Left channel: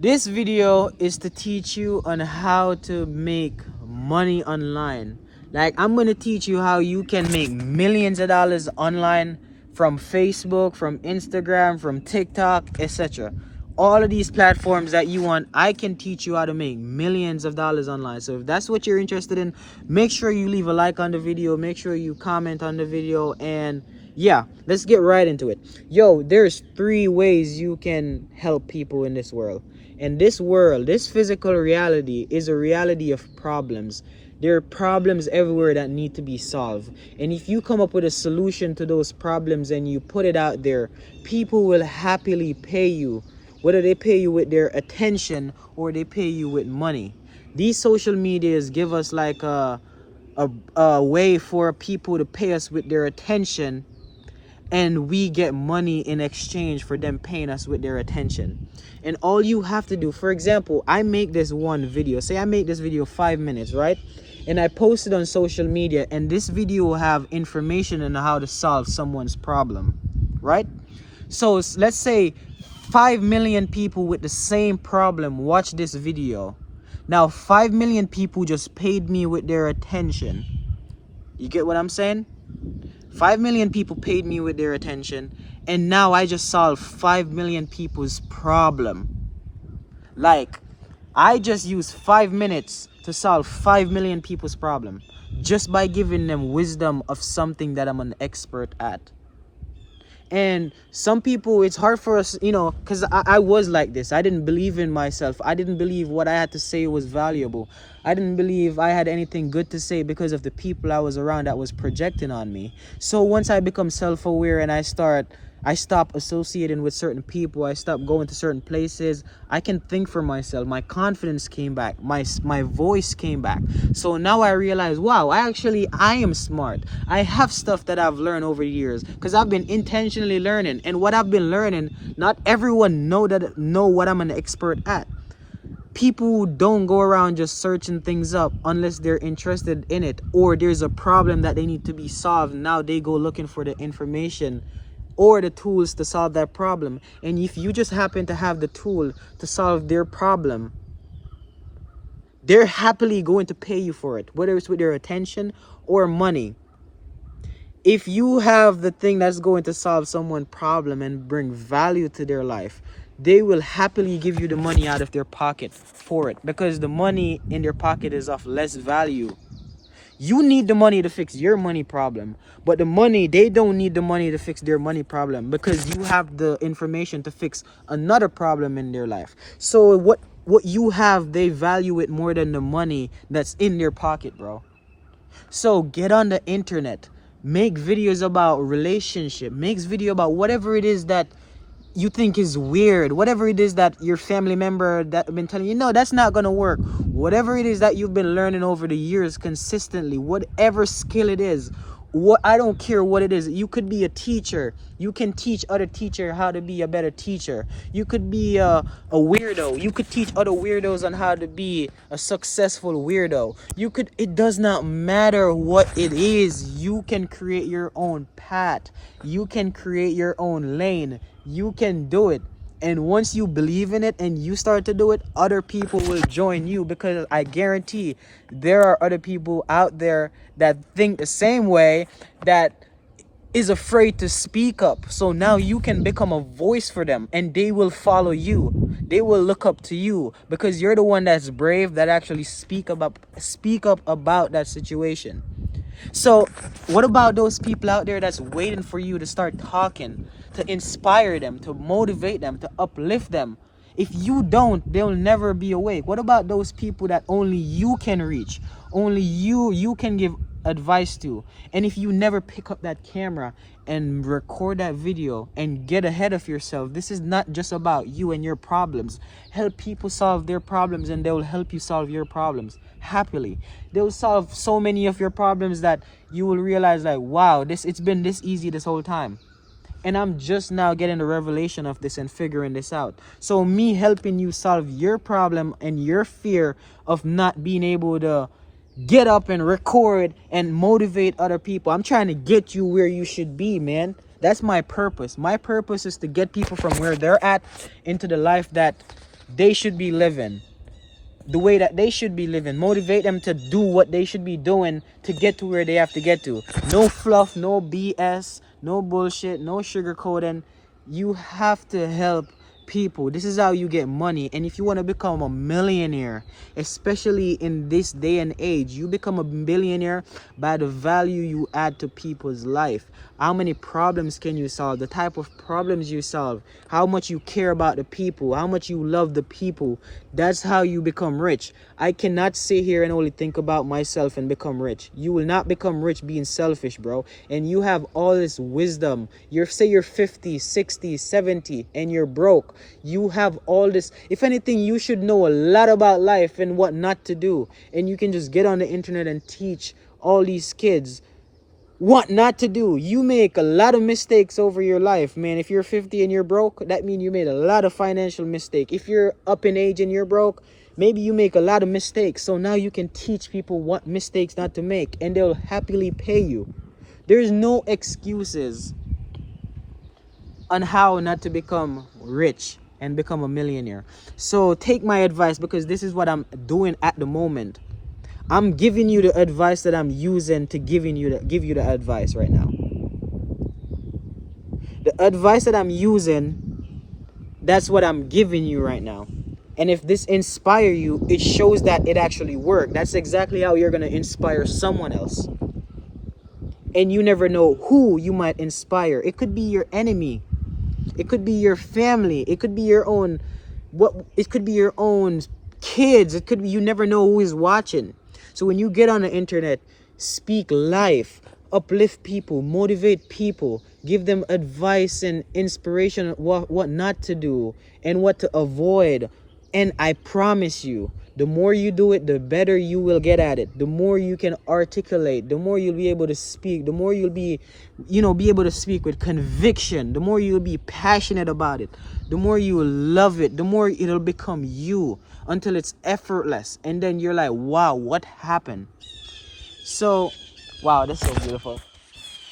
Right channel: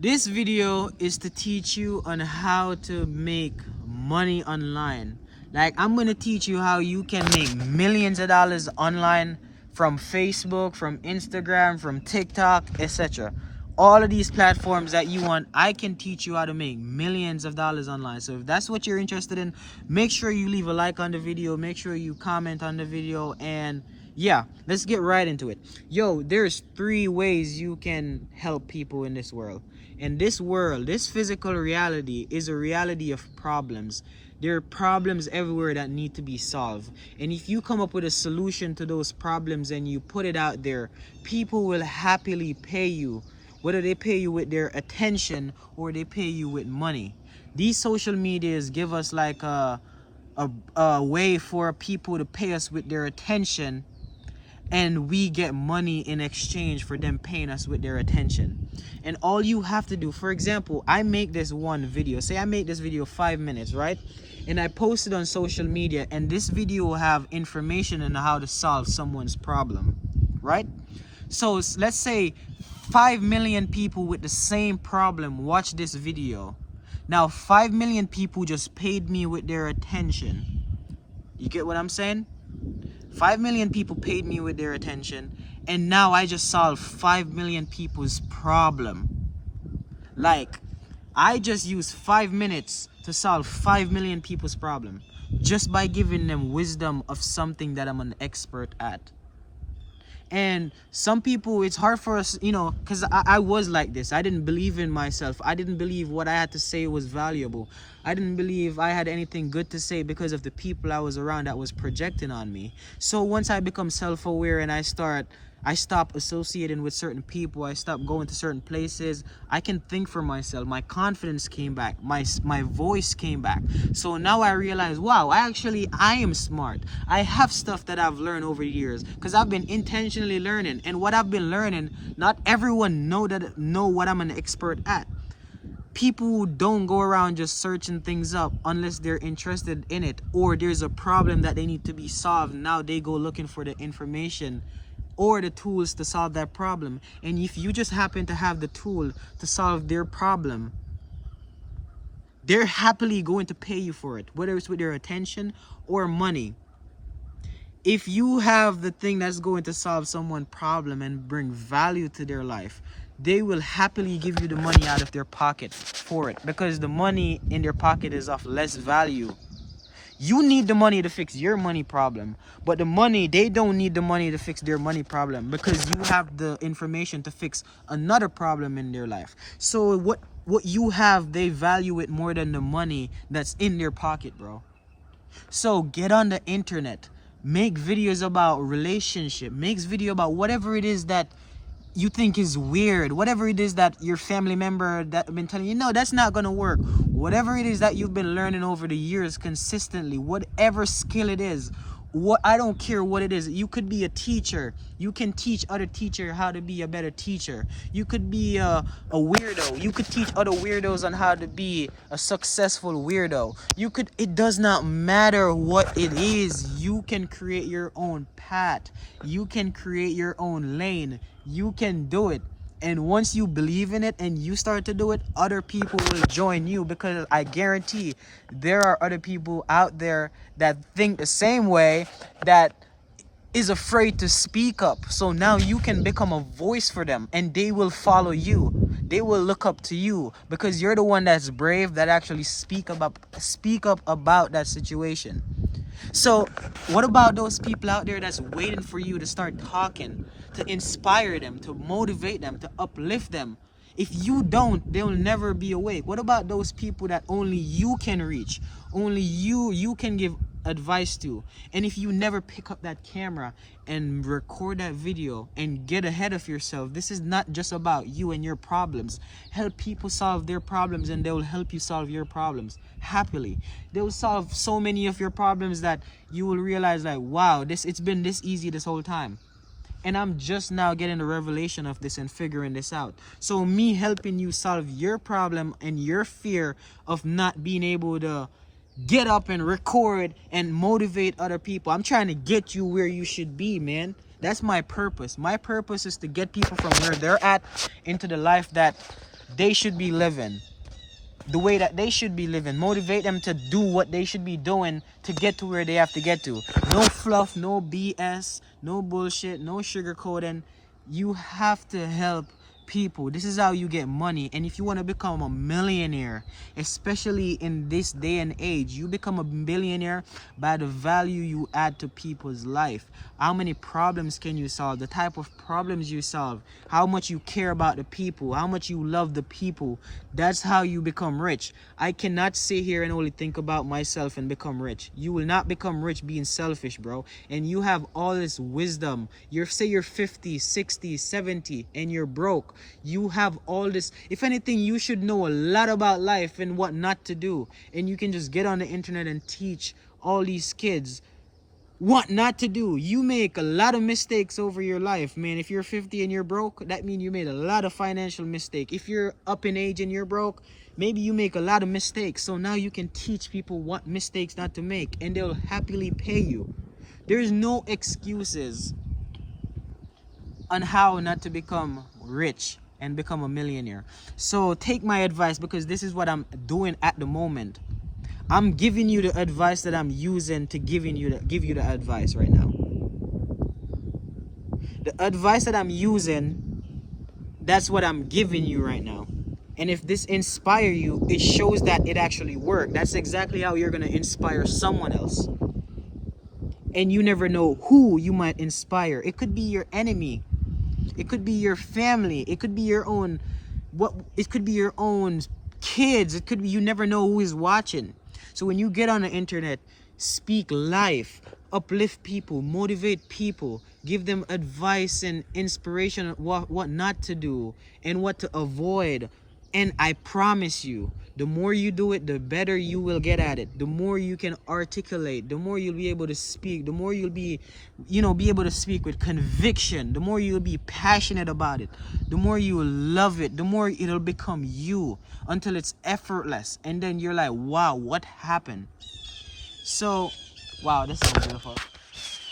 This video is to teach you on how to make money online. Like, I'm going to teach you how you can make millions of dollars online from Facebook, from Instagram, from TikTok, etc. All of these platforms that you want, I can teach you how to make millions of dollars online. So if that's what you're interested in, make sure you leave a like on the video, make sure you comment on the video, and yeah, let's get right into it. Yo, there's 3 ways you can help people in this world. And this world, this physical reality, is a reality of problems. There are problems everywhere that need to be solved. And if you come up with a solution to those problems and you put it out there, people will happily pay you. Whether they pay you with their attention or they pay you with money. These social medias give us like a way for people to pay us with their attention, and we get money in exchange for them paying us with their attention. And all you have to do, for example, I make this one video. Say I make this video 5 minutes, right? And I post it on social media, and this video will have information on how to solve someone's problem, right? So let's say 5 million people with the same problem watch this video. Now 5 million people just paid me with their attention. You get what I'm saying? 5 million people paid me with their attention, and now I just solved 5 million people's problem. Like, I just used 5 minutes to solve 5 million people's problem just by giving them wisdom of something that I'm an expert at. And some people, it's hard for us, you know, because I was like this. I didn't believe in myself. I didn't believe what I had to say was valuable. I didn't believe I had anything good to say because of the people I was around that was projecting on me. So once I become self-aware and I stop associating with certain people, I stop going to certain places, I can think for myself. My confidence came back, my voice came back. So now I realize, wow, I am smart. I have stuff that I've learned over the years because I've been intentionally learning. And what I've been learning, not everyone know what I'm an expert at. People don't go around just searching things up unless they're interested in it, or there's a problem that they need to be solved. Now they go looking for the information or the tools to solve that problem. And if you just happen to have the tool to solve their problem, they're happily going to pay you for it, whether it's with their attention or money. If you have the thing that's going to solve someone's problem and bring value to their life, they will happily give you the money out of their pocket for it, because the money in their pocket is of less value. You need the money to fix your money problem, but they don't need the money to fix their money problem, because you have the information to fix another problem in their life. So what you have, they value it more than the money that's in their pocket, bro. So get on the internet, make videos about relationship, make video about whatever it is that you think is weird, whatever it is that your family member that have been telling you, no, that's not gonna work, whatever it is that you've been learning over the years consistently, whatever skill it is, I don't care what it is. You could be a teacher, you can teach other teachers how to be a better teacher. You could be a weirdo, you could teach other weirdos on how to be a successful weirdo. It does not matter what it is. You can create your own path, you can create your own lane, you can do it. And once you believe in it and you start to do it, other people will join you, because I guarantee there are other people out there that think the same way, that is afraid to speak up. So now you can become a voice for them, and they will follow you. They will look up to you because you're the one that's brave, that actually speak up about that situation. So what about those people out there that's waiting for you to start talking, to inspire them, to motivate them, to uplift them? If you don't, they'll never be awake. What about those people that only you can reach, only you can give advice to? And if you never pick up that camera and record that video and get ahead of yourself, this is not just about you and your problems. Help people solve their problems, and they will help you solve your problems happily. They'll solve so many of your problems that you will realize, like, wow, it's been this easy this whole time, and I'm just now getting the revelation of this and figuring this out. So me helping you solve your problem and your fear of not being able to get up and record and motivate other people, I'm trying to get you where you should be, man. That's my purpose. My purpose is to get people from where they're at into the life that they should be living, the way that they should be living. Motivate them to do what they should be doing to get to where they have to get to. No fluff, no BS, no bullshit, no sugarcoating. You have to help people. This is how you get money. And if you want to become a millionaire, especially in this day and age, you become a billionaire by the value you add to people's life. How many problems can you solve? The type of problems you solve. How much you care about the people. How much you love the people. That's how you become rich. I cannot sit here and only think about myself and become rich. You will not become rich being selfish, bro. And you have all this wisdom. Say you're 50, 60, 70 and you're broke. You have all this. If anything, you should know a lot about life and what not to do. And you can just get on the internet and teach all these kids what not to do. You make a lot of mistakes over your life, man. If you're 50 and you're broke, that means you made a lot of financial mistakes. If you're up in age and you're broke, maybe you make a lot of mistakes. So now you can teach people what mistakes not to make, and they'll happily pay you. There's no excuses on how not to become rich and become a millionaire. So take my advice, because this is what I'm doing at the moment. I'm giving you the advice that I'm using to give you the advice right now. The advice that I'm using, that's what I'm giving you right now. And if this inspires you, it shows that it actually worked. That's exactly how you're going to inspire someone else. And you never know who you might inspire. It could be your enemy. It could be your family. It could be your own it could be your own kids. It could be, you never know who is watching. So when you get on the internet, speak life, uplift people, motivate people, give them advice and inspiration on what not to do and what to avoid. And I promise you, the more you do it, the better you will get at it. The more you can articulate, the more you'll be able to speak, the more you'll be able to speak with conviction, the more you'll be passionate about it, the more you will love it, the more it'll become you, until it's effortless. And then you're like, wow, what happened? So, wow, that's so beautiful.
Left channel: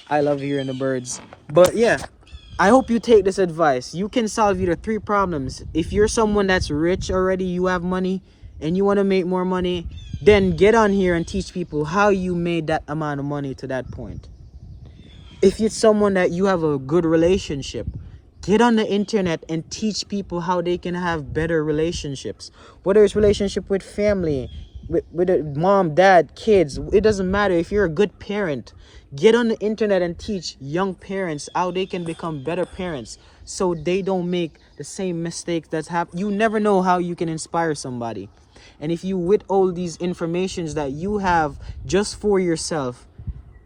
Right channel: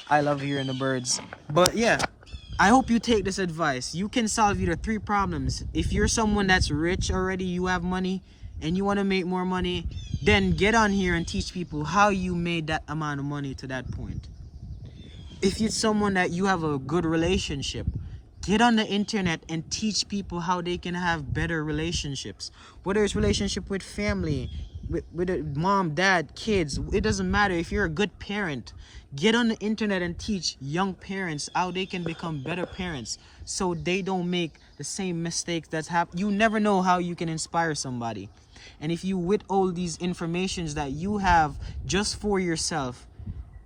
I love hearing the birds. But yeah, I hope you take this advice. You can solve either 3 problems. If you're someone that's rich already, you have money, and you want to make more money, then get on here and teach people how you made that amount of money to that point. If it's someone that you have a good relationship, get on the internet and teach people how they can have better relationships. Whether it's relationship with family, with a mom, dad, kids, it doesn't matter. If you're a good parent, get on the internet and teach young parents how they can become better parents, so they don't make the same mistakes that's happened. You never know how you can inspire somebody. And if you withhold these informations that you have just for yourself,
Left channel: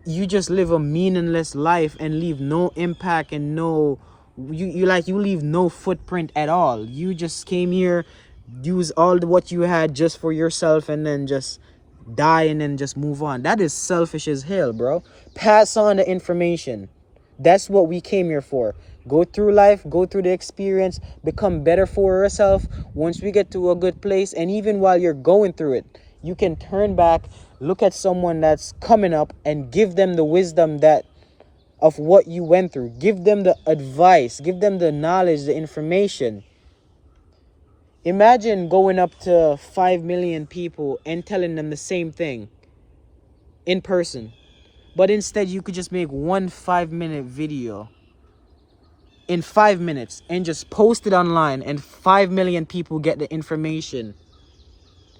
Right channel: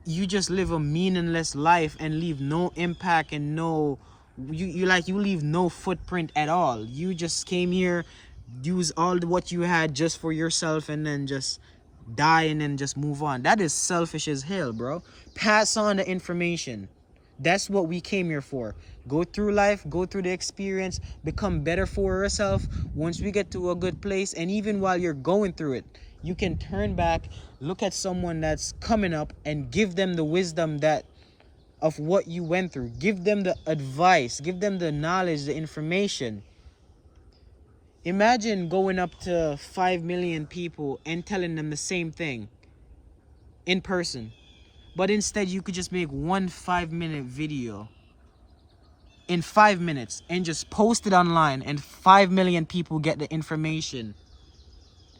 you just live a meaningless life and leave no impact and you leave no footprint at all. You just came here, use all what you had just for yourself, and then just die and then just move on. That is selfish as hell, bro. Pass on the information. That's what we came here for. Go through life, go through the experience, become better for yourself. Once we get to a good place, and even while you're going through it, you can turn back, look at someone that's coming up, and give them the wisdom of what you went through. Give them the advice, give them the knowledge, the information. Imagine going up to 5 million people and telling them the same thing in person. But instead, you could just make one 5-minute video in 5 minutes and just post it online, and 5 million people get the information,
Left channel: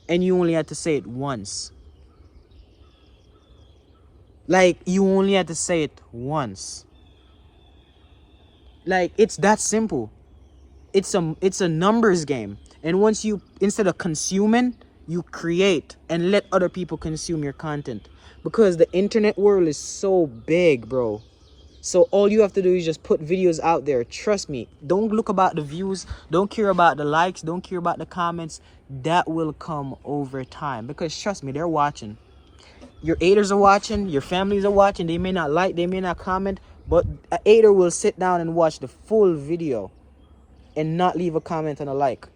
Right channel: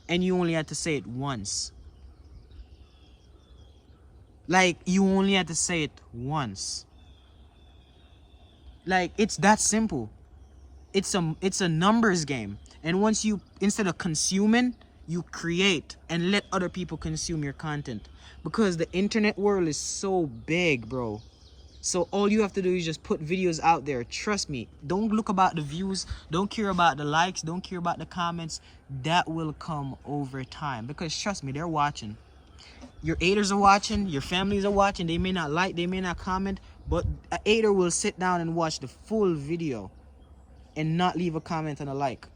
and you only had to say it once. Like, you only had to say it once. Like, it's that simple. It's a numbers game. And once you, instead of consuming, you create and let other people consume your content. Because the internet world is so big, bro. So all you have to do is just put videos out there. Trust me. Don't look about the views. Don't care about the likes. Don't care about the comments. That will come over time. Because trust me, they're watching. Your haters are watching. Your families are watching. They may not like. They may not comment. But a hater will sit down and watch the full video and not leave a comment and a like.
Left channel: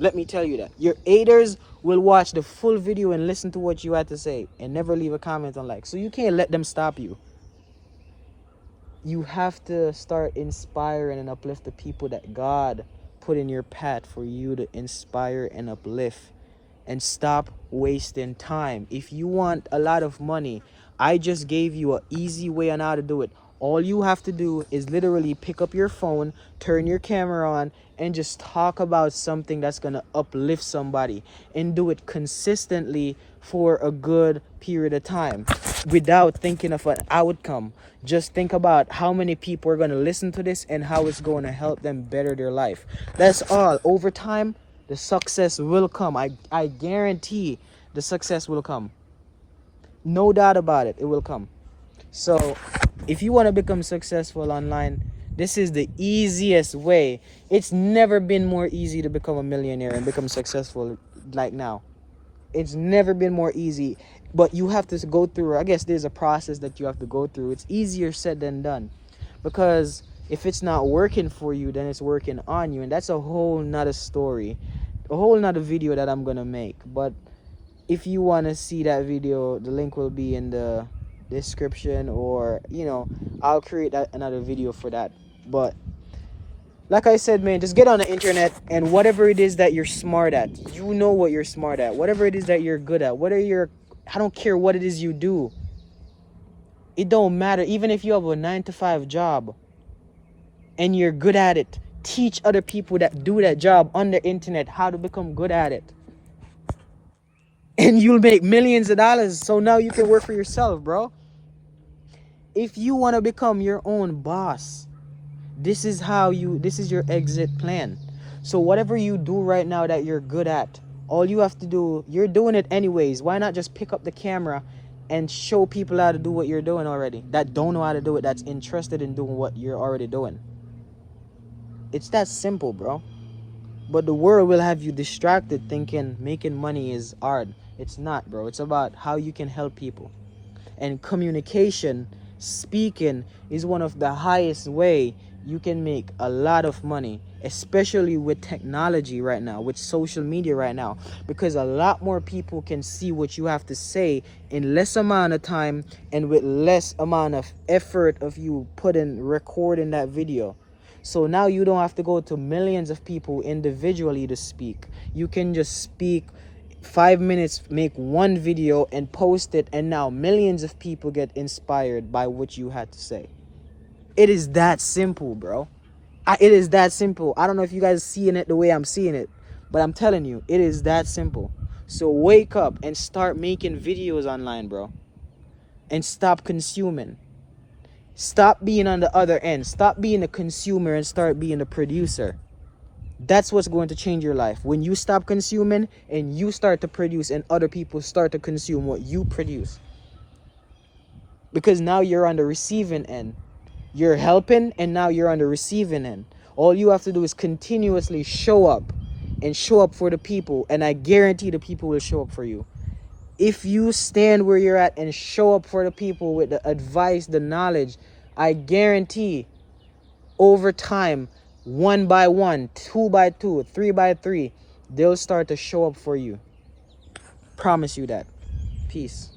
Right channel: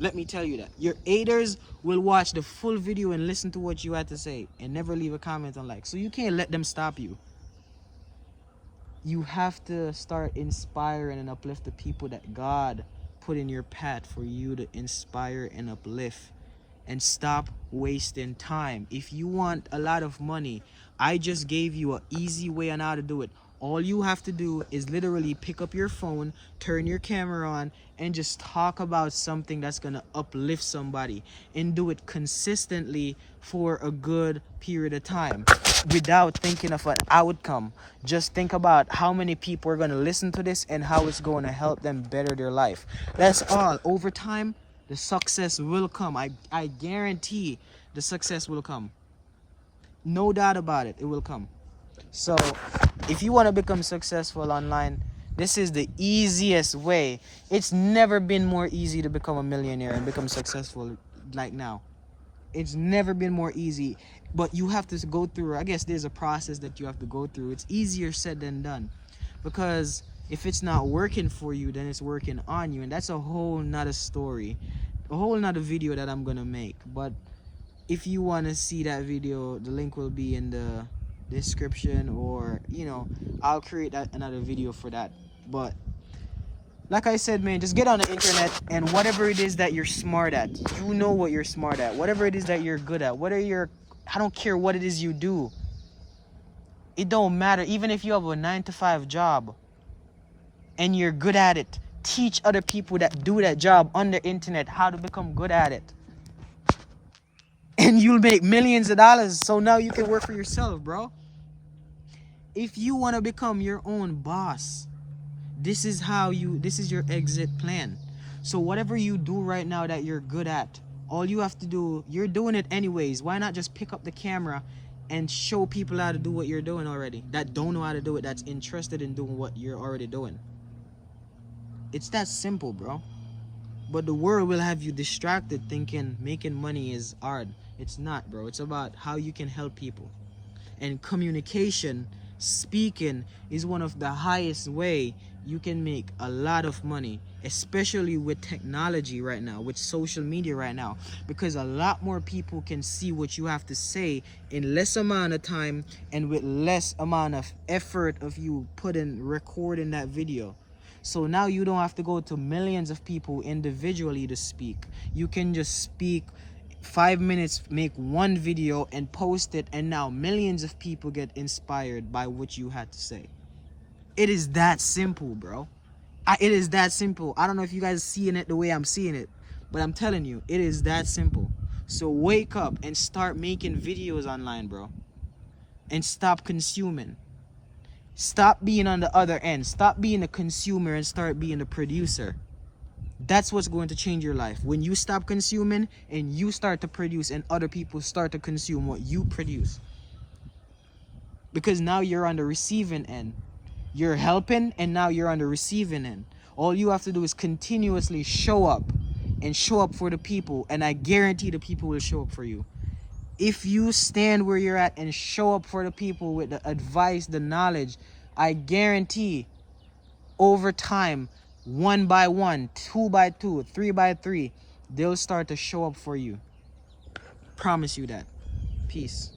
Let me tell you that. Your haters will watch the full video and listen to what you had to say and never leave a comment and like. So you can't let them stop you. You have to start inspiring and uplift the people that God put in your path for you to inspire and uplift. And stop wasting time. If you want a lot of money, I just gave you an easy way on how to do it. All you have to do is literally pick up your phone, turn your camera on, and just talk about something that's going to uplift somebody, and do it consistently for a good period of time without thinking of an outcome. Just think about how many people are going to listen to this and how it's going to help them better their life. That's all. Over time, the success will come. I guarantee the success will come. No doubt about it. It will come. So if you want to become successful online, this is the easiest way. It's never been more easy to become a millionaire and become successful like now. It's never been more easy. But you have to go through, I guess there's a process that you have to go through. It's easier said than done. Because if it's not working for you, then it's working on you. And that's a whole nother story. A whole nother video that I'm going to make. But if you want to see that video, the link will be in the description, or I'll create another video for that. But like I said, man, just get on the internet, and whatever it is that you're smart at, you know what you're smart at. Whatever it is that you're good at, I don't care what it is you do. It don't matter. Even if you have a 9-to-5 job and you're good at it, teach other people that do that job on the internet how to become good at it. And you'll make millions of dollars. So now you can work for yourself, bro. If you want to become your own boss, this is your exit plan. So whatever you do right now that you're good at, all you have to do, you're doing it anyways. Why not just pick up the camera and show people how to do what you're doing already, that don't know how to do it, that's interested in doing what you're already doing. It's that simple, bro. But the world will have you distracted thinking making money is hard. It's not, bro. It's about how you can help people. And communication, speaking, is one of the highest way you can make a lot of money, especially with technology right now, with social media right now, because a lot more people can see what you have to say in less amount of time and with less amount of effort of you recording that video. So now you don't have to go to millions of people individually to speak. You can just speak 5 minutes, make one video and post it, and now millions of people get inspired by what you had to say. It is that simple, bro. It is that simple. I don't know if you guys are seeing it the way I'm seeing it, but I'm telling you, it is that simple. So wake up and start making videos online, bro. And stop consuming. Stop being on the other end. Stop being a consumer and start being a producer. That's what's going to change your life. When you stop consuming and you start to produce, and other people start to consume what you produce. Because now you're on the receiving end. You're helping, and now you're on the receiving end. All you have to do is continuously show up, and show up for the people, and I guarantee the people will show up for you. If you stand where you're at and show up for the people with the advice, the knowledge, I guarantee over time, 1 by 1, 2 by 2, 3 by 3, they'll start to show up for you. Promise you that. Peace.